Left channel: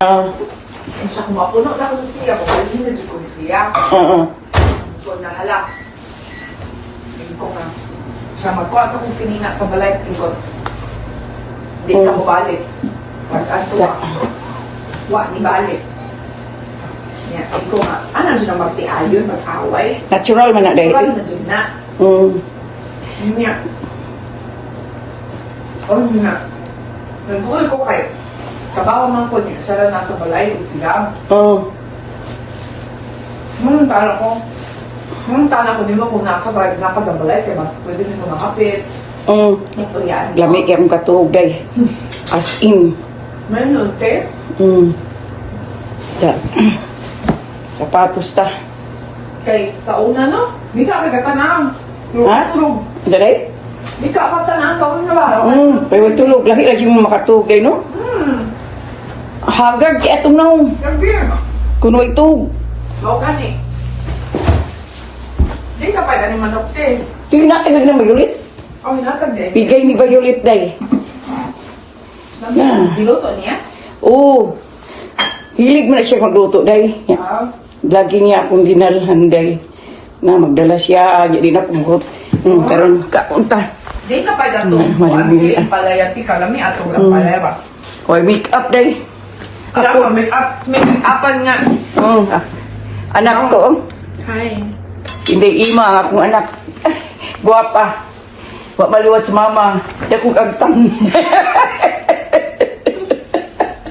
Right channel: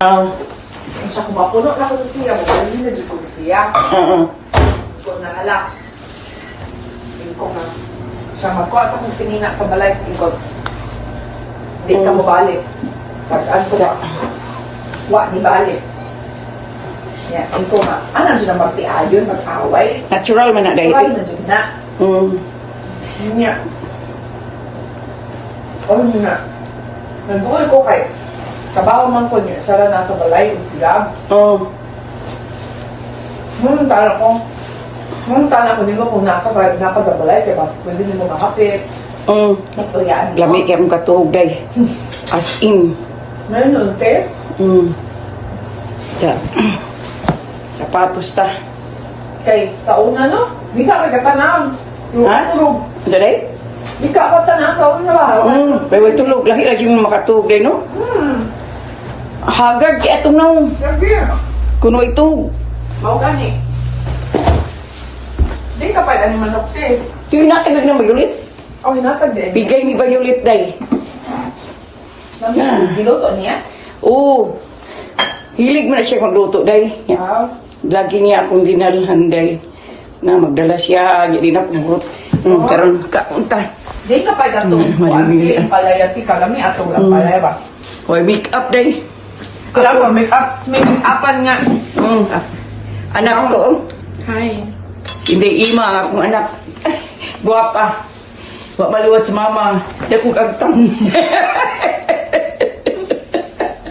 Siya mapuno na ko siya. Hindi na ko siya. So, nahala. Hindi ko nga. Siya makuha sa kong sinina sa balay ikot. Di ka mo balik. Pag-aso ka. Wa, di balik. Yan, hindi ko nga. Ano siya magtiayon, mag-away? Natural man na dahil. Natural na dyan na. Ano niya? Ano niya? Nagbuhay ko kay kabaw man ko niya. Siya na nasa balay. Siya. Nung tala ko. Nung tala ko nimo kung napagabalay. Kaya pwede nimo makapit. Natulian. Lamig yung katuog day. As in. Meron okay? Sapatos ta. Kay sa una no? Di ka may katanam. Ha? Tulog. Ano day? Di ka katanam sa una ba? Pwede tulog. Lagi mo makatuog day, no? Hagard, etong na. Sabi. Kuno itog. Mau ka ni. Di ka pa ni manok te. Yung natagag ng Violet. Oh, natag din. Bigay ni Violet day. Diluto niya? Oo. Hilig mo na siya magluto day. Lagi niya akong dinalhan day. Na magdala siya. Jadi na pumurot. Karon kaunta. Di ka pa dato. Malimili. Ang palaya ti kalami ato ang palaya ba? Hoy, make up day. Ako make upan nga. Anak ko. Hi. Hindi ima akong anak. Guwapa. Wa maluwat sa mama. Dako kagtang.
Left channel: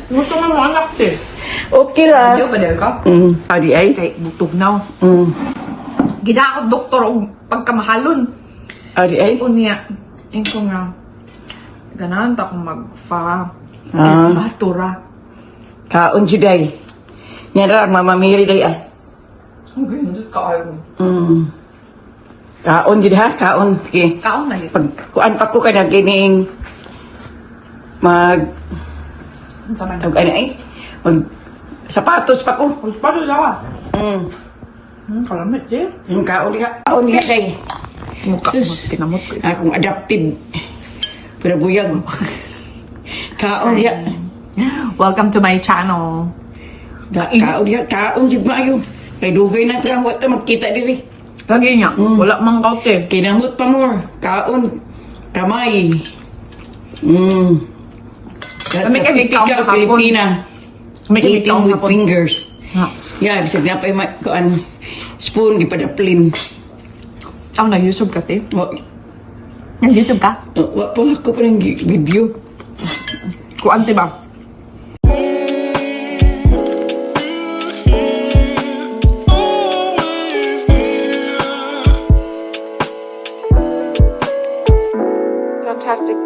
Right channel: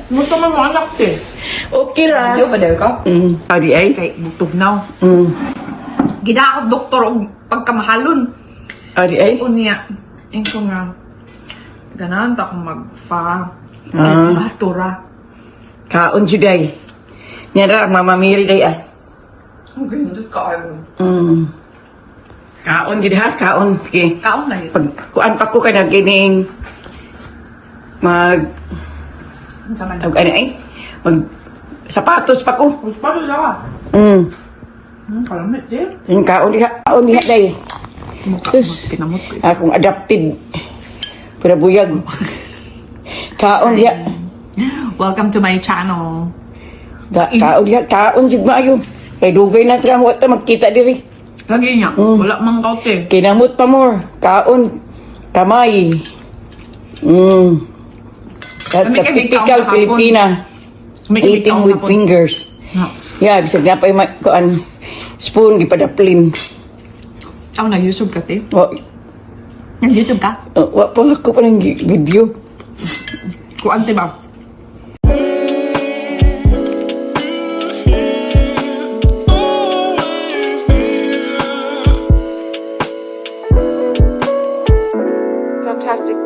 Gusto mo mo anak te? Okay lang. Hindi pa dahil ka? Adi ay? Kay butugnaw. Gidakos doktor og pagkamahalon. Adi ay? Unya. Yung ko nga. Ganahan ta kung magfa. Batura. Kaon juday. Nyara mamamiri day ah. Ang ganito ka kayo. Kaon jud ha, kaon. Okay. Kaon na yun. Pag kuan pa ko kana gining mag Sama na. ano ay? Mag sapatos pa ko. Paano ka? Kalamit eh. Yung kaon diha, kaon diha day. Mukha Sus. kinamot ko. Akong adapted. Para buyag. Kaon diha. Welcome to my channel. Kaon diha, kaon jud maayo. Kay dugay na tra wa ta magkita diri. Lagi niya. Wala mang kaute. Kinamot pa more. Kaon. Kamay. That's May a kami kaon typical kahapon. Filipina. May Eating kaon with hapon. fingers. Ha. Yeah, bisag na pa yung kuan spoon gipadaplin. Ako nag-YouTube ka, te? Wa Nag-YouTube ka? wa pa ako pa ng video. Kuan, te ba? Fantastic.